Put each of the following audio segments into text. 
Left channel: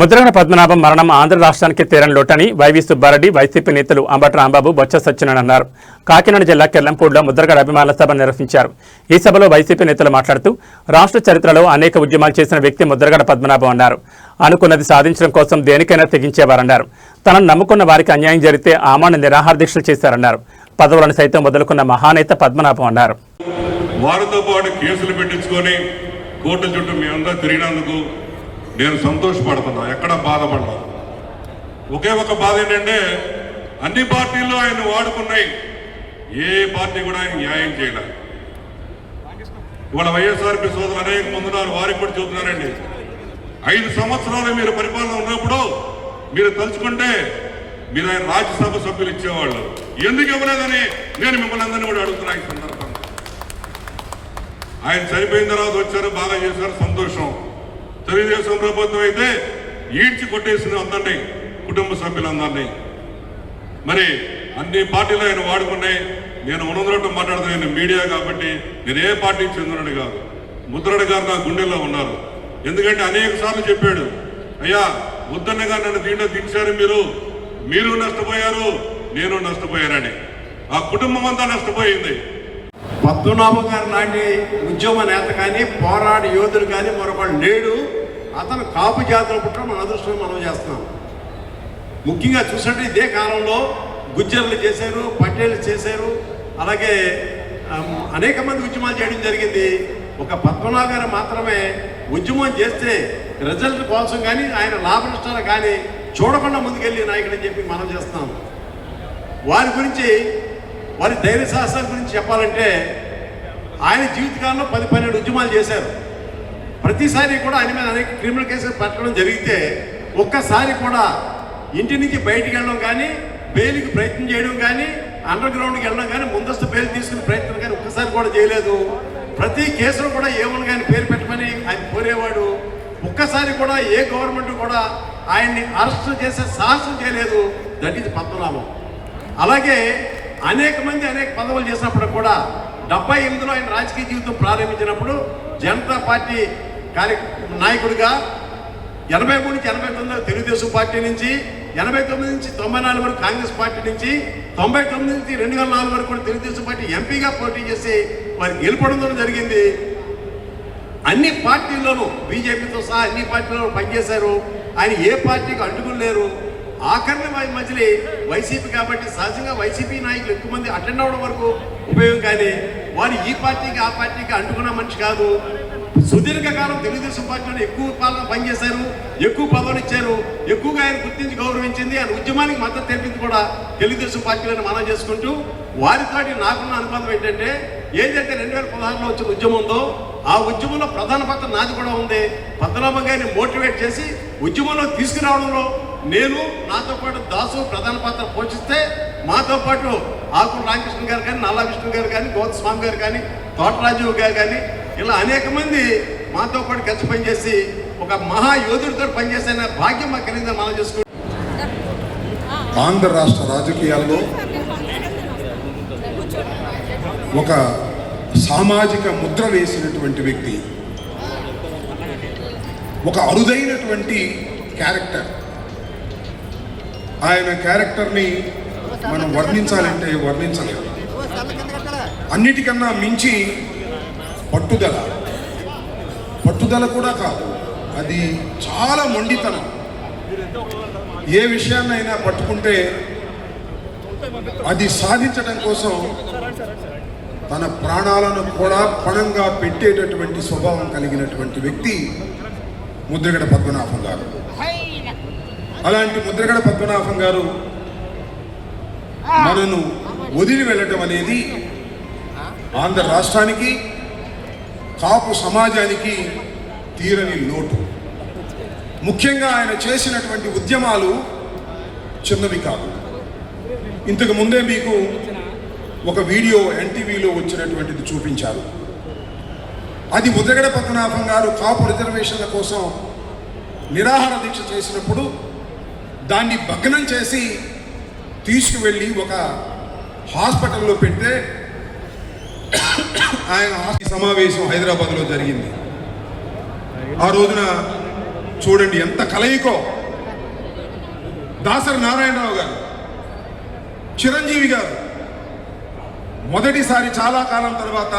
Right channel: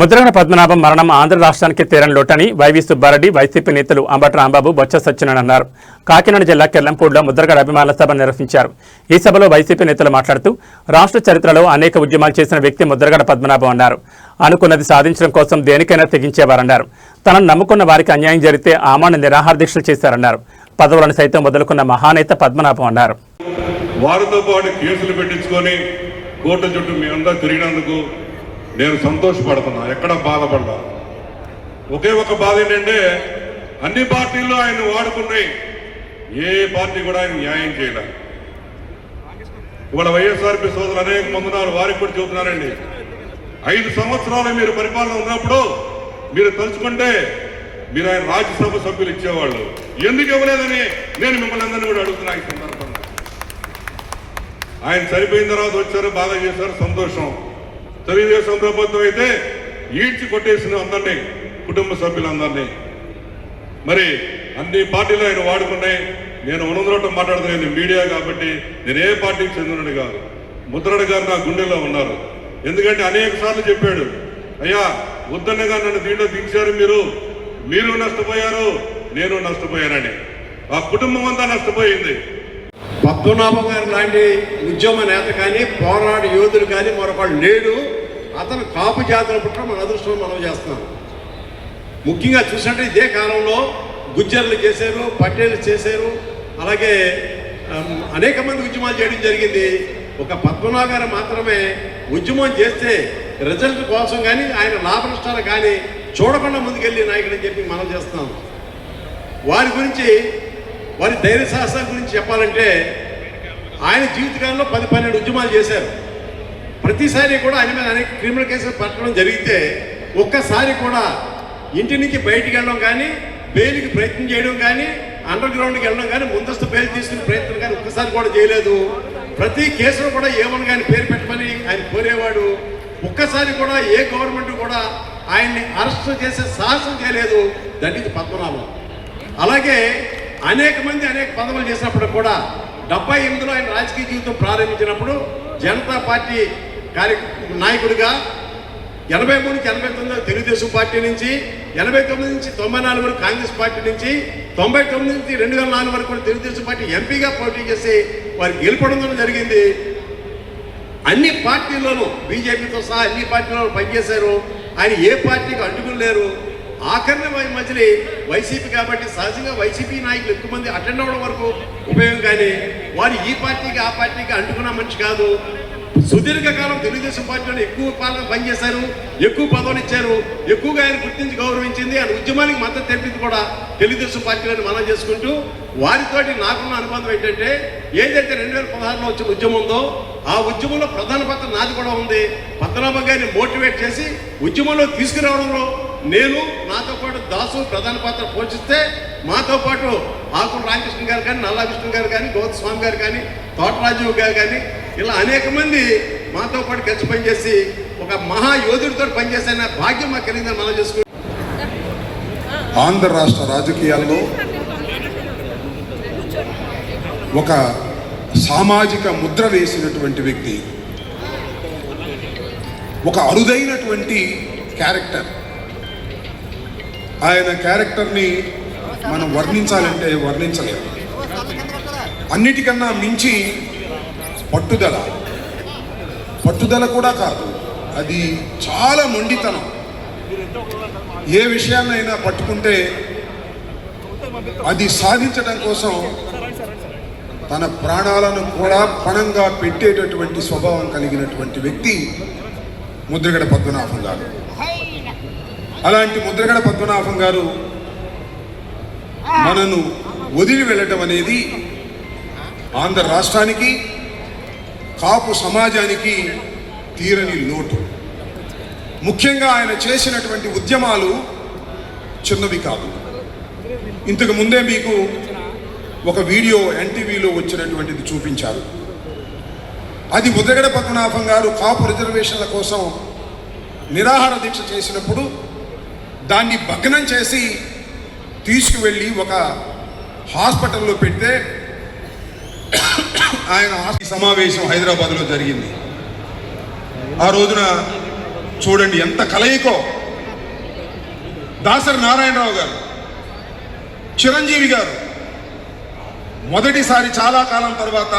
ముద్రగడ పద్మనాభం మరణం ఆంధ్ర రాష్ట్రానికి తీరని లోటని వైవి సుబ్బారెడ్డి వైసీపీ నేతలు అంబటి రాంబాబు బొత్స సత్యనారాయణ అన్నారు. కాకినాడ జిల్లా కెల్లంపూడిలో ముద్రగడ అభిమానుల సభ నిర్వహించారు. ఈ సభలో వైసీపీ నేతలు మాట్లాడుతూ రాష్ట్ర చరిత్రలో అనేక ఉద్యమాలు చేసిన వ్యక్తి ముద్రగడ పద్మనాభం అన్నారు. అనుకున్నది సాధించడం కోసం దేనికైనా తెగించేవారన్నారు. తనను నమ్ముకున్న వారికి అన్యాయం జరిగితే ఆమాన నిరాహార దీక్షలు చేశారన్నారు. పదవులను సైతం వదులుకున్న మహానేత పద్మనాభం అన్నారు. వారితో పాటు కేసులు పెట్టించుకొని కోర్టు చుట్టూ మేమంతా తిరిగినందుకు నేను సంతోషపడుతున్నా, ఎక్కడ బాధపడ్డా. ఒకే ఒక బాధ ఏంటంటే అన్ని పార్టీల్లో ఆయన వాడుకున్నాయి, ఏ పార్టీ కూడా ఆయన న్యాయం చేయలేదు. ఇవాళ వైఎస్ఆర్పీ సోదరులు అనేక మంది ఉన్నారు, వారికి కూడా చూస్తున్నారండి. 5 సంవత్సరాలు మీరు పరిపాలన ఉన్నప్పుడు మీరు తలుచుకుంటే మీరు ఆయన రాజ్యసభ సభ్యులు ఇచ్చేవాళ్ళు, ఎందుకు ఇవ్వలేదని నేను మిమ్మల్ని అందరినీ కూడా అడుగుతున్నా. ఈ సందర్భంగా ఆయన చనిపోయిన తర్వాత వచ్చారు, బాగా చేశారు, సంతోషం. తెలుగుదేశం ప్రభుత్వం అయితే ఈడ్చి కొట్టేసిన అందరినీ, కుటుంబ సభ్యులందరినీ. మరి అన్ని పార్టీలు ఆయన వాడుకున్నాయి. నేను ఉన్నదొరటం మాట్లాడుతున్నాను, మీడియా కాబట్టి నేను ఏ పార్టీకి చెందినడు కాదు. ముద్రగడ గారు నా గుండెల్లో ఉన్నారు. ఎందుకంటే అనేక సార్లు చెప్పాడు, అయ్యా ముద్రగడ గారు నన్ను దీంట్లో దించారు, మీరు నష్టపోయారు, నేను నష్టపోయానని. ఆ కుటుంబం అంతా నష్టపోయింది. పద్మనాభం గారు లాంటి ఉద్యమ నేత కానీ పోరాట యోధులు కానీ మరొకళ్ళు లేడు. అతను కాపు జాతుల పుట్ల మన అదృష్టం మనం చేస్తున్నాం. ముఖ్యంగా చూసినట్టు ఇదే కాలంలో గుజ్జర్లు చేశారు, పటేళ్ళు చేశారు, అలాగే అనేక మంది ఉద్యమాలు చేయడం జరిగింది. ఒక పద్మనాభం గారు మాత్రమే ఉద్యమం చేస్తే రిజల్ట్ కోసం కానీ ఆయన లాభ నష్టాలు కానీ చూడకుండా ముందుకెళ్ళి నాయకుడు అని చెప్పి మనం చేస్తాం. వారి గురించి, వారి ధైర్య సాహసాల గురించి చెప్పాలంటే ఆయన జీవితకాలంలో 10-12 ఉద్యమాలు చేశారు. ప్రతిసారి కూడా ఆయన మీద అనేక క్రిమినల్ కేసులు పెట్టడం జరిగితే ఒక్కసారి కూడా ఇంటి నుంచి బయటికి వెళ్ళడం కానీ, బెయిల్కి ప్రయత్నం చేయడం కానీ, అండర్ గ్రౌండ్కి వెళ్ళడం కానీ, ముందస్తు బెయిల్ తీసుకునే ప్రయత్నం కానీ ఒక్కసారి కూడా చేయలేదు. ప్రతి కేసులో కూడా ఏమని కానీ పేరు పెట్టమని ఆయన కోరేవాడు. ఒక్కసారి కూడా ఏ గవర్నమెంట్ కూడా ఆయన్ని అరెస్ట్ చేసే సాహసం చేయలేదు. That is Padmanabham. అలాగే అనేక మంది అనేక పదవులు చేసినప్పుడు కూడా 78లో ఆయన రాజకీయ జీవితం ప్రారంభించినప్పుడు జనతా పార్టీ నాయకుడిగా 83 నుంచి 89 తెలుగుదేశం పార్టీ నుంచి, 89 నుంచి 94 వరకు కాంగ్రెస్ పార్టీ నుంచి, 99 నుంచి 2004 వరకు కూడా తెలుగుదేశం పార్టీ ఎంపీగా పోటీ చేసి వారికి గెలుపడం జరిగింది. అన్ని పార్టీల్లోనూ బీజేపీతో సహా అన్ని పార్టీల్లో పనిచేశారు. ఆయన ఏ పార్టీకి అంటుకుని లేరు. ఆఖరిని మధ్యలో వైసీపీ కాబట్టి సహజంగా వైసీపీ నాయకులు ఎక్కువ మంది అటెండ్ అవ్వడం వరకు ఉపయోగం, కానీ వారు ఈ పార్టీకి ఆ పార్టీకి అంటుకున్న మనిషి కాదు. సుదీర్ఘకాలం తెలుగుదేశం పార్టీలో ఎక్కువ కాలం పనిచేశారు, ఎక్కువ పదవులు ఇచ్చారు, ఎక్కువగా ఆయన గుర్తించి గౌరవించింది. ఆయన ఉద్యమానికి మద్దతు తెలిపింది కూడా తెలుగుదేశం పార్టీలను మనం చేసుకుంటూ, వారితోటి నాకున్న అనుబంధం ఏంటంటే ఏదైతే 2016లో వచ్చిన ఉద్యమం ఉందో ఆ ఉద్యమంలో ప్రధాన పాత్ర నాది కూడా ఉంది. పద్మనాభం గారిని మోటివేట్ చేసి ఉద్యమంలో తీసుకురావడంలో నేను, నాతో పాటు దాసు ప్రధాన పాత్ర పోషిస్తే, మాతో పాటు ఆకుల రామకృష్ణ గారు కానీ, నల్లా విష్ణు గారు కానీ, గౌతమ్ స్వామి గారు కానీ, తోటరాజు గారు కానీ, ఇలా అనేక మంది మాతో పాటు కలిసి పనిచేసి ఒక మహాయోధుడితో పనిచేసే భాగ్యం మాకు కలిగిందని మనం చేసుకుంటాం. ఆంధ్ర రాష్ట్ర రాజకీయాల్లో ఒక సామాజిక ముద్ర వేసినటువంటి వ్యక్తి, ఒక అరుదైనటువంటి క్యారెక్టర్. ఆయన క్యారెక్టర్ని మనం వర్ణించాలంటే వర్ణించలేము. అన్నిటికన్నా మించి పట్టుదల కూడా కాదు, అది చాలా మొండితనం. ఏ విషయాన్నైనా పట్టుకుంటే అది సాధించడం కోసం తన ప్రాణాలను కూడా పణంగా పెట్టేటటువంటి స్వభావం కలిగినటువంటి వ్యక్తి ముద్రగడ పద్మనాభం గారు. అలాంటి ముద్రగడ పద్మనాభం గారు మనను వదిలి వెళ్ళటం అనేది ఆంధ్ర రాష్ట్రానికి, కాపు సమాజానికి తీరని లోటు. ముఖ్యంగా ఆయన చేసినటువంటి ఉద్యమాలు చిన్నవి కాదు. ఇంతకు ముందే మీకు ఒక వీడియో ఎన్టీవీలో వచ్చినటువంటిది చూపించారు. అది ముద్రగడ పద్మనాభం గారు కాపు రిజర్వేషన్ల కోసం నిరాహార దీక్ష చేసినప్పుడు దాన్ని భగ్నం చేసి తీసుకువెళ్ళి ఒక హాస్పిటల్లో పెడితే ఆయన సమావేశం హైదరాబాద్లో జరిగింది. ఆ రోజున చూడండి ఎంత కలయికో. దాసరి నారాయణరావు గారు, చిరంజీవి గారు మొదటిసారి చాలా కాలం తర్వాత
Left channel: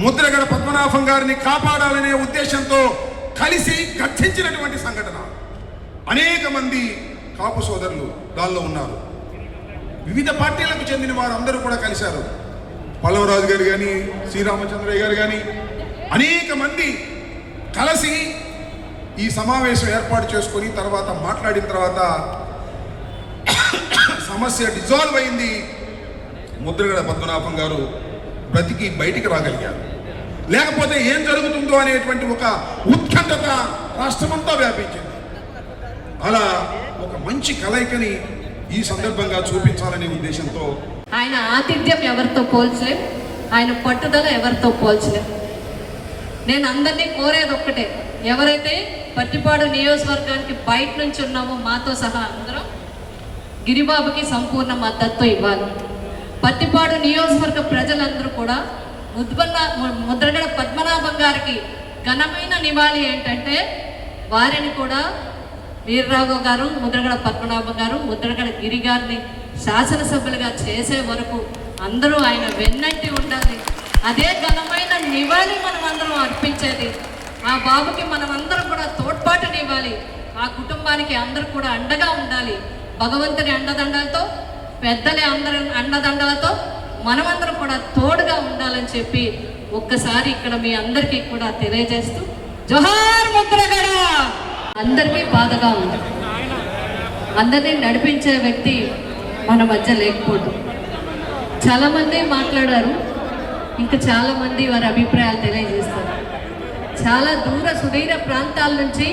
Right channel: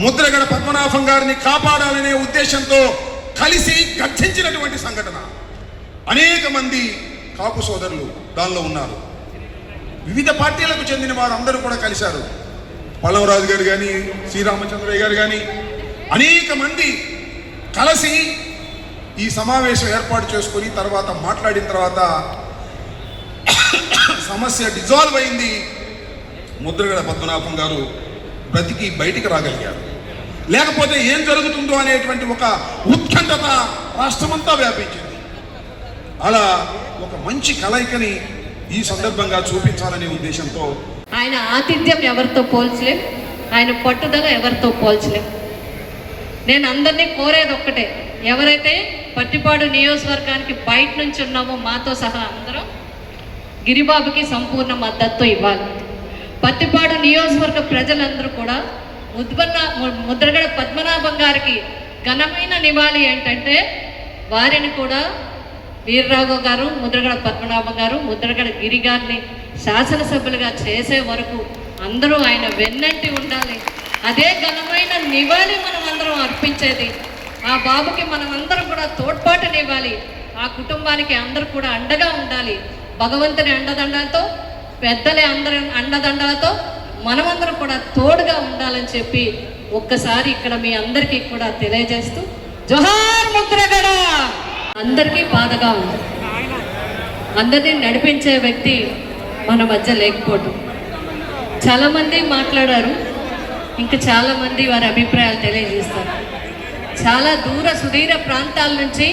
ముద్రగడ పద్మనాభం గారిని కాపాడాలనే ఉద్దేశంతో కలిసి గర్జించినటువంటి సంఘటన. అనేక మంది కాపు సోదరులు దానిలో ఉన్నారు. వివిధ పార్టీలకు చెందిన వారు అందరూ కూడా కలిశారు. పల్లవరాజు గారు కానీ, శ్రీరామచంద్రయ్య గారు కానీ అనేక మంది కలిసి ఈ సమావేశం ఏర్పాటు చేసుకొని తర్వాత మాట్లాడిన తర్వాత సమస్య డిజాల్వ్ అయింది. ముద్రగడ పద్మనాభం గారు బ్రతికి బయటికి రాగలిగారు. లేకపోతే ఏం జరుగుతుందో అనేటువంటి ఒక ఉత్కంఠత రాష్ట్రమంతా వ్యాపించింది. అలా ఒక మంచి కలయికని ఈ సందర్భంగా చూపించాలనే ఉద్దేశంతో ఆయన ఆతిథ్యం ఎవరితో పోల్చలేం, ఆయన పట్టుదల ఎవరితో పోల్చలేం. నేను అందరినీ కోరేది ఒక్కటే, ఎవరైతే పత్తిపాడు నియోజకవర్గానికి బయట నుంచి ఉన్నామో మాతో సహా అందరం గిరిబాబుకి సంపూర్ణ మద్దతు ఇవ్వాలి. పత్తిపాడు నియోజకవర్గ ప్రజలందరూ కూడా ముద్రగడ పద్మనాభం గారికి ఘనమైన నివాళి ఏంటంటే వారిని కూడా వీర్రాఘవ్ గారు, ముద్రగడ పద్మనాభం గారు, ముద్రగడ గిరి గారిని శాసనసభ్యులుగా చేసే వరకు అందరూ ఆయన వెన్నంటి ఉండాలి. అదే ఘనమైన నివాళి మనం అందరం అర్పించేది. ఆ బాబుకి మనం అందరం కూడా తోడ్పాటునివ్వాలి. ఆ కుటుంబానికి అందరూ కూడా అండగా ఉండాలి. భగవంతుని అండదండలతో, పెద్దలే అందరి అండదండలతో మనమందరం కూడా తోడుగా ఉండాలని చెప్పి ఒక్కసారి ఇక్కడ మీ అందరికీ కూడా తెలియజేస్తూ జోహార్ ముద్రగడ. అందరికీ బాధగా ఉంది. అందరినీ నడిపించే వ్యక్తి మన మధ్య లేకపోవడం. చాలామంది మాట్లాడారు, ఇంకా చాలామంది వారి అభిప్రాయాలు తెలియజేస్తారు. చాలా సుదీర ప్రాంతాల నుంచి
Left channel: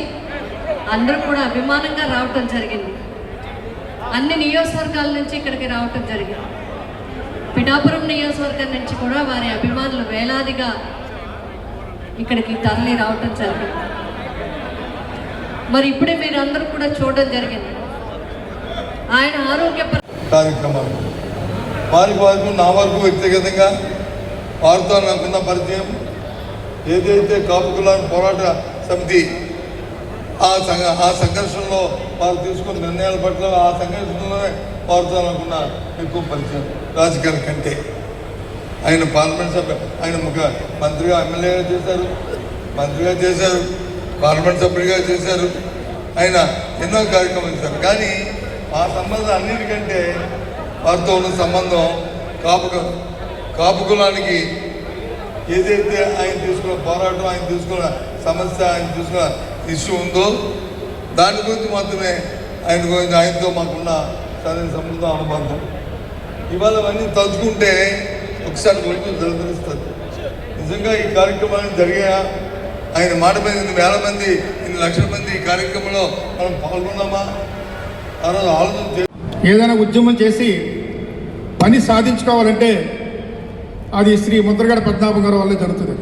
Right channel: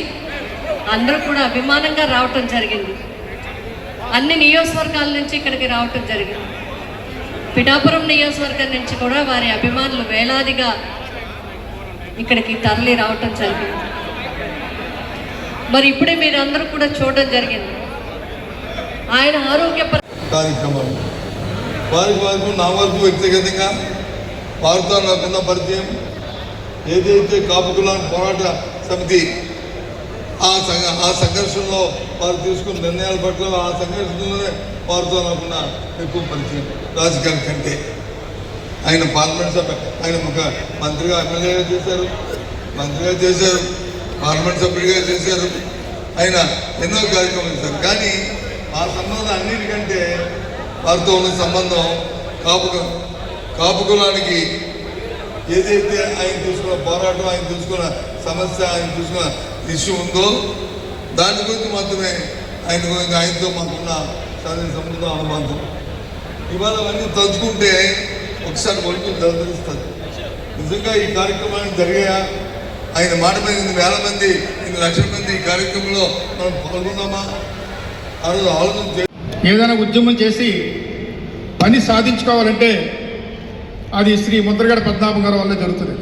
అందరూ కూడా అభిమానంగా రావటం జరిగింది. అన్ని నియోజకవర్గాల నుంచి ఇక్కడికి రావటం జరిగింది. పిఠాపురం నియోజకవర్గం నుంచి కూడా వారి అభిమానులు వేలాదిగా ఇక్కడికి తరలి రావటం జరిగింది. మరి ఇప్పుడే మీరందరూ కూడా చూడడం జరిగింది ఆయన ఆరోగ్య కార్యక్రమాలు. వారికి నా వరకు వ్యక్తిగతంగా వారితో నాకున్న పరిచయం, ఏదైతే కాపు కులాన్ని పోరాట సమితి ఆ సంఘర్షణలో వారు తీసుకున్న నిర్ణయాల పట్ల ఆ సంఘర్షణలోనే వారితో నాకున్న ఎక్కువ పరిచయం. రాజకీయాల కంటే ఆయన పార్లమెంట్ సభ్య, ఆయన ఒక మంత్రిగా ఎమ్మెల్యేగా చేశారు, మంత్రిగా చేశారు, పార్లమెంట్ సభ్యుడిగా చేశారు. ఆయన ఎన్నో కార్యక్రమాలు చేశారు. కానీ ఆ సంబంధం అన్నిటికంటే వారితో ఉన్న సంబంధం కాపు కులానికి ఏదైతే ఆయన తీసుకున్న పోరాటం, ఆయన తీసుకున్న సమస్య, ఆయన తీసుకున్న ఇష్యూ ఉందో దాని గురించి మాత్రమే ఆయనతో మాకున్న సంబంధం, అనుబంధం. ఇవాళ అవన్నీ తలుచుకుంటే ఒకసారి ఒళ్ళు దరిస్తారు. నిజంగా ఈ కార్యక్రమాన్ని జరిగినా ఆయన మాట మీద 1,000 మంది 1 లక్షల మంది ఈ కార్యక్రమంలో మనం పాల్గొన్నామా? ఆ రోజు ఆలోచన ఏదైనా ఉద్యమం చేసి పని సాధించుకోవాలంటే అది శ్రీ ముద్రగడ పద్మనాభం గారి వల్లే జరుగుతుంది.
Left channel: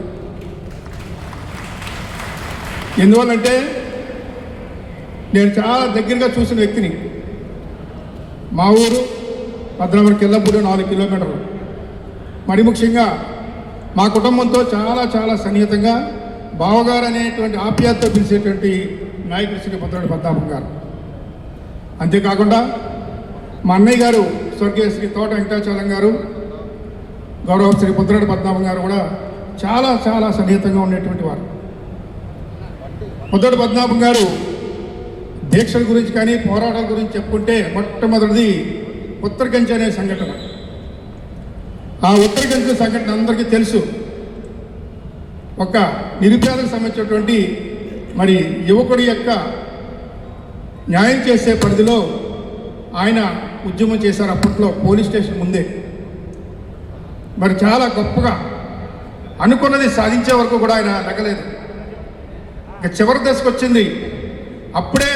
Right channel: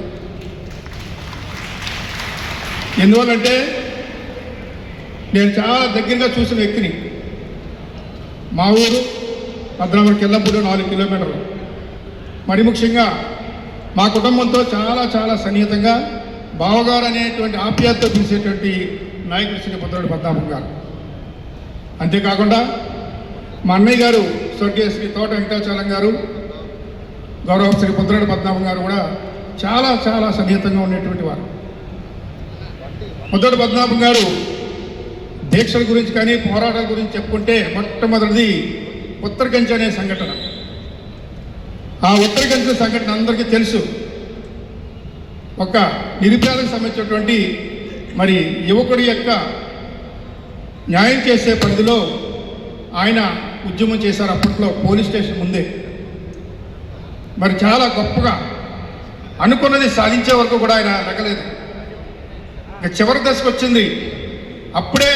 ఎందువల్లంటే నేను చాలా దగ్గరగా చూసిన వ్యక్తిని. మా ఊరు పద్మనాభం కిల్లపూడి 4 కిలోమీటర్లు. మరి ముఖ్యంగా మా కుటుంబంతో చాలా చాలా సన్నిహితంగా బావగారు అనేటువంటి ఆప్యాయతతో పిలిచేటువంటి నాయకుడు శ్రీ ముద్రగడ పద్మనాభం గారు. అంతేకాకుండా మా అన్నయ్య గారు స్వర్గీయ శ్రీ తోట వెంకటాచలం గారు, గౌరవ శ్రీ ముద్రగడ పద్మనాభం గారు కూడా చాలా చాలా సన్నిహితంగా ఉండేటువంటి వారు. ముద్రగడ పద్మనాభం గారు దీక్షల గురించి కానీ పోరాటాల గురించి చెప్పుకుంటే మొట్టమొదటిది ఉత్తరకంచి అనే సంఘటన. ఆ ఉత్తరకంచి సంఘటన అందరికీ తెలుసు. ఒక నిరుపేదకు సంబంధించినటువంటి మరి యువకుడి యొక్క న్యాయం చేసే పరిధిలో ఆయన ఉద్యమం చేశారు. అప్పట్లో పోలీస్ స్టేషన్ ముందే మరి చాలా గొప్పగా అనుకున్నది సాధించే వరకు కూడా ఆయన లెక్కలేదు. ఇక చివరి దశకు వచ్చింది. అప్పుడే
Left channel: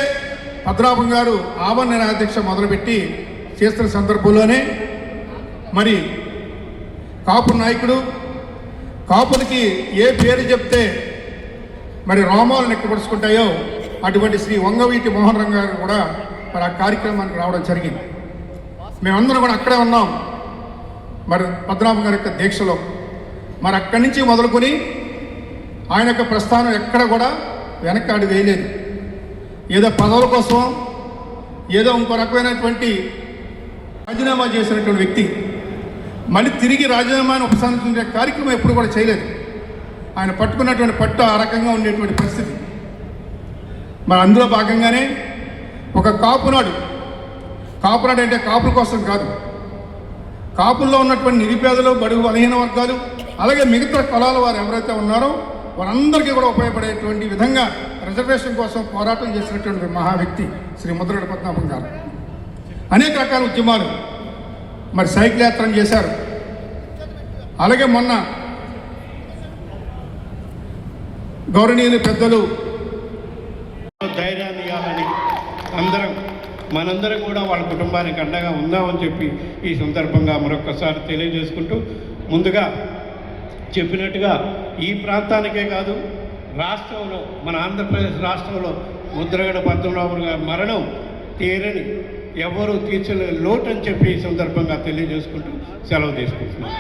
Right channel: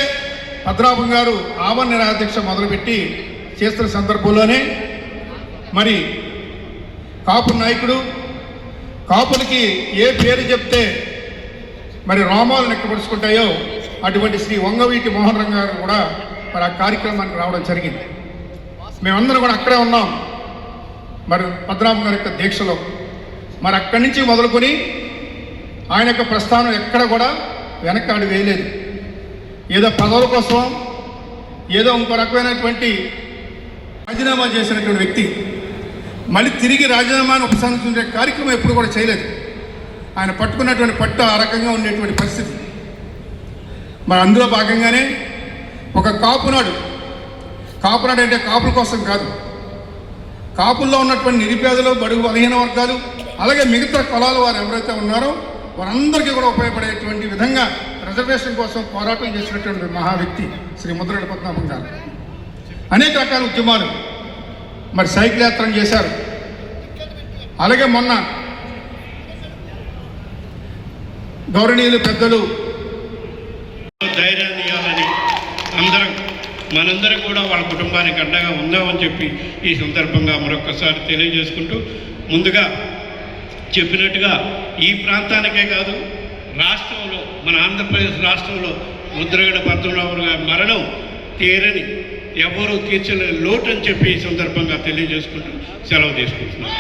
పద్మనాభం గారు ఆవరణ నిరాదీక్ష మొదలుపెట్టి చేస్తున్న సందర్భంలోనే మరి కాపు నాయకుడు, కాపులకి ఏ పేరు చెప్తే మరి రోమాలు నెక్కపరుచుకుంటాయో అటువంటి శ్రీ వంగవీటి మోహన్ రంగ గారు కూడా మరి ఆ కార్యక్రమానికి రావడం జరిగింది. మేమందరం కూడా అక్కడే ఉన్నాం మరి పద్మనాభం గారి యొక్క దీక్షలో. మరి అక్కడి నుంచి మొదలుకొని ఆయన యొక్క ప్రస్థానం ఎక్కడ కూడా వెనక్కి వేయలేదు. ఏదో పదవుల కోసం ఏదో ఇంకో రకమైనటువంటి రాజీనామా చేసినటువంటి వ్యక్తి మళ్ళీ తిరిగి రాజీనామాను ఉపసంహరించుకునే కార్యక్రమం ఎప్పుడు కూడా చేయలేదు. ఆయన పట్టుకున్నటువంటి పట్టు ఆ రకంగా ఉండేటువంటి పరిస్థితి. మరి అందులో భాగంగానే ఒక కాపునాడు అంటే కాపుల కోసం కాదు, కాపుల్లో ఉన్నటువంటి నిరుపేదలు, బడుగు బలహీన వర్గాలు, అలాగే మిగతా కులాల వారు ఎవరైతే ఉన్నారో వారందరికీ కూడా ఉపయోగపడేటువంటి విధంగా రిజర్వేషన్ కోసం పోరాటం చేసినటువంటి మహా వ్యక్తి శ్రీ ముద్రగడ పద్మనాభం గారు. అనేక రకాల ఉద్యమాలు, మరి సైకిల్ యాత్రలు చేశారు. అలాగే మొన్న గౌరవనీయులు పెద్దలు ధైర్యాన్ని ఇవ్వాలని మనందరం కూడా వాళ్ళ కుటుంబానికి అండగా ఉందామని చెప్పి ఈ సందర్భంగా మరొకసారి తెలియజేసుకుంటూ, ముందుగా చెప్పినట్టుగా ఈ ప్రాంతానికే కాదు రాష్ట్రంలో, మన ఆంధ్రప్రదేశ్ రాష్ట్రంలో ముద్రగడ పద్మనాభం గారి మరణం తీరని, ఎవరూ తీర్చలేని లోటు అని చెప్పి ఈ సందర్భంగా తెలియజేసుకుంటూ సెలవు తీసుకుంటున్నాను.